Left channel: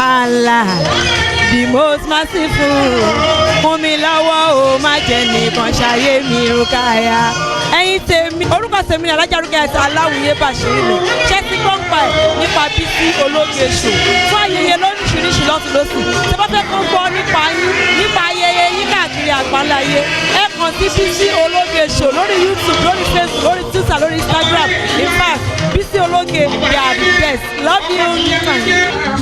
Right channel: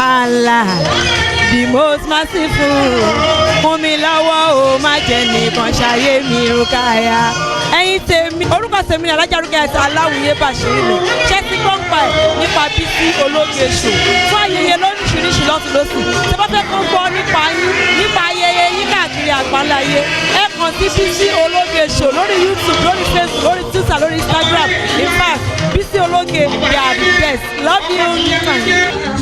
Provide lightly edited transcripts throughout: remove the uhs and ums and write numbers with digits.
Allah, the most merciful. Fún mi lọ́wọ́ o, má jẹ́ nìkan ṣayé mi Rukaya. Ẹ̀yin tèmi, orúkọ tèmi ni Alájà Rukayat Aláwìyé Bàṣírí lò. Ṣé ti gbọ́ ń pa ẹ̀ nípa Bísí Ológe Show? Fún ayẹyẹ lóríṣiríṣi lọ́tún lọ́sùn. Ṣé bá fẹ́ kó gbọ́ nípa yín, nípa ayẹyẹ yín káàkiri àgbáláyé? Ẹ kàn sí Bísí Ológe Show lórí YouTube, lórí Facebook, lórí Twitter, lórí Instagram. In fact, Bísí Ológe, they are the best. Love you.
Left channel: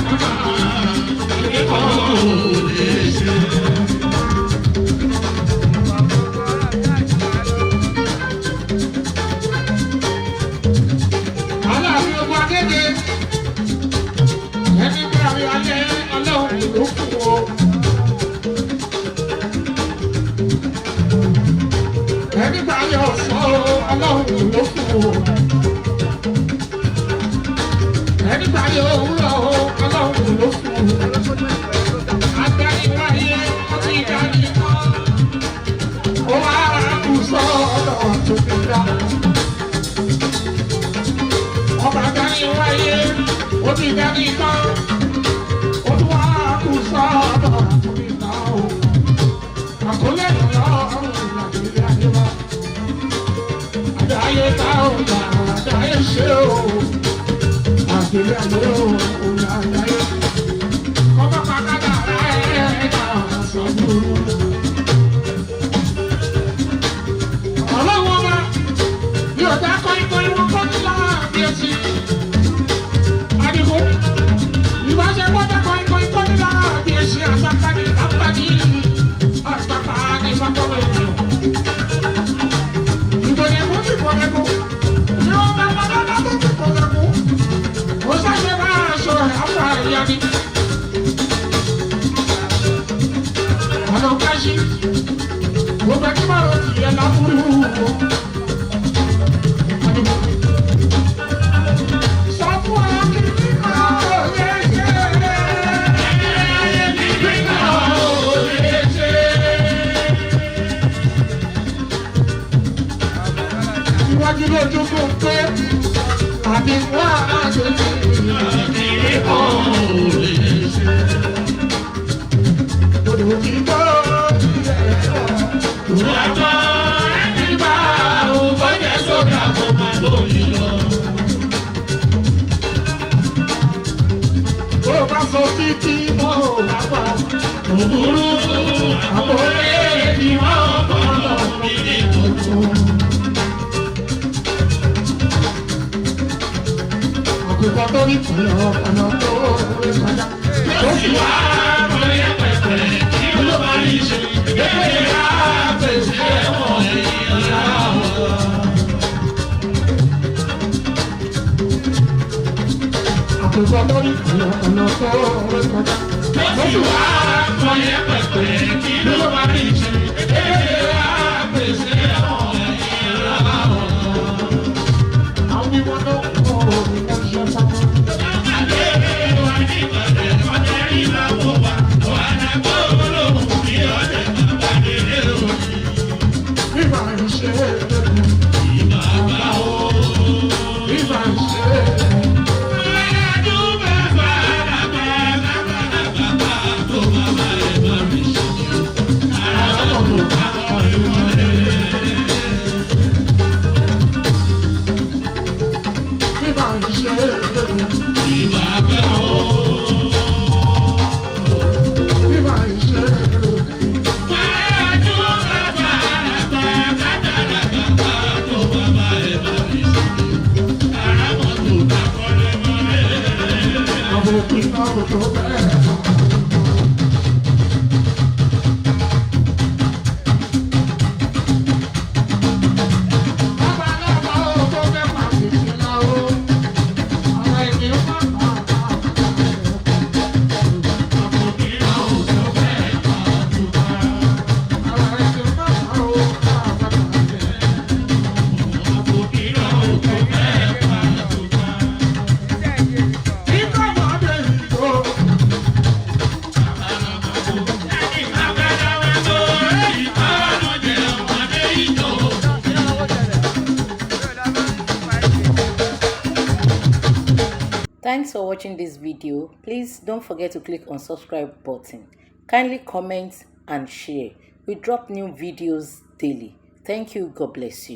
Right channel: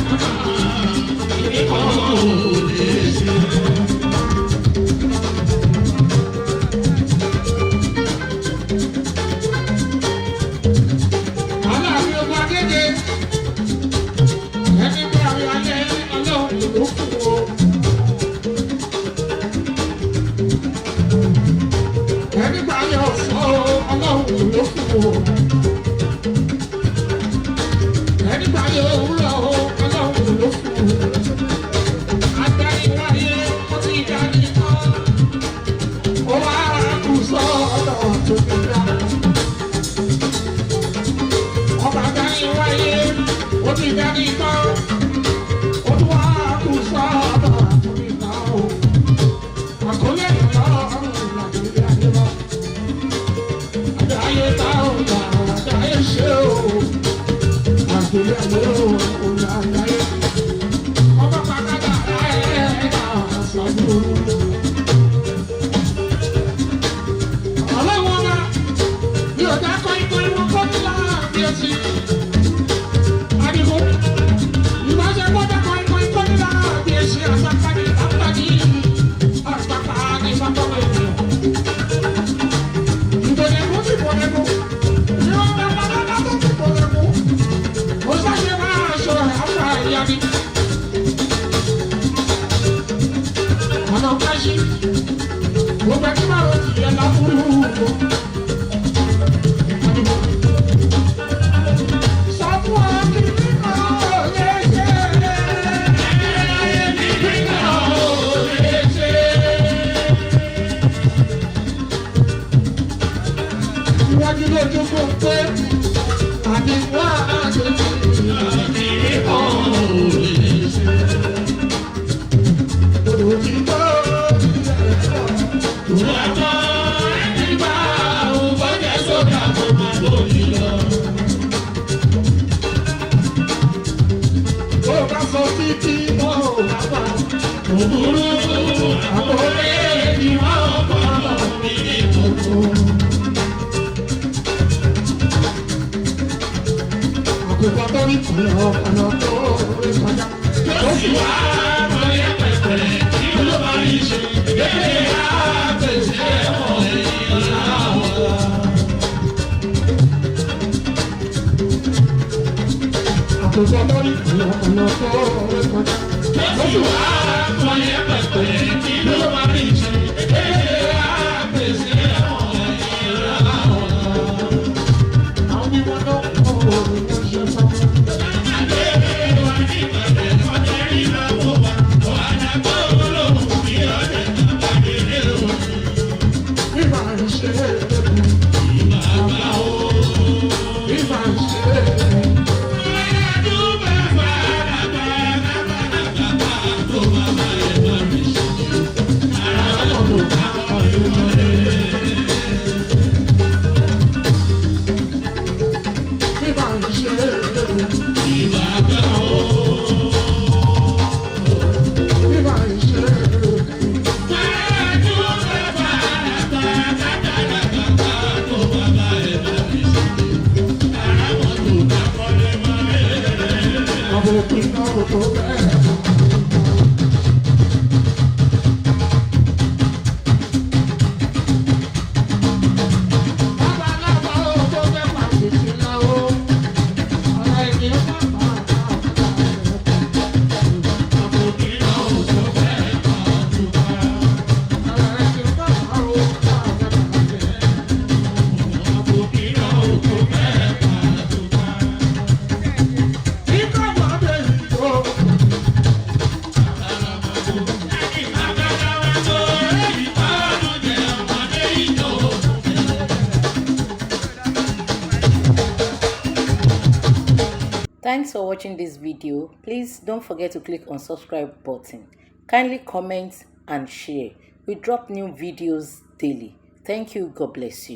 Thanks for watching this video. Please don't forget to click on subscribe button. Kindly comment and share. We drop new videos daily. Thank you. God bless you.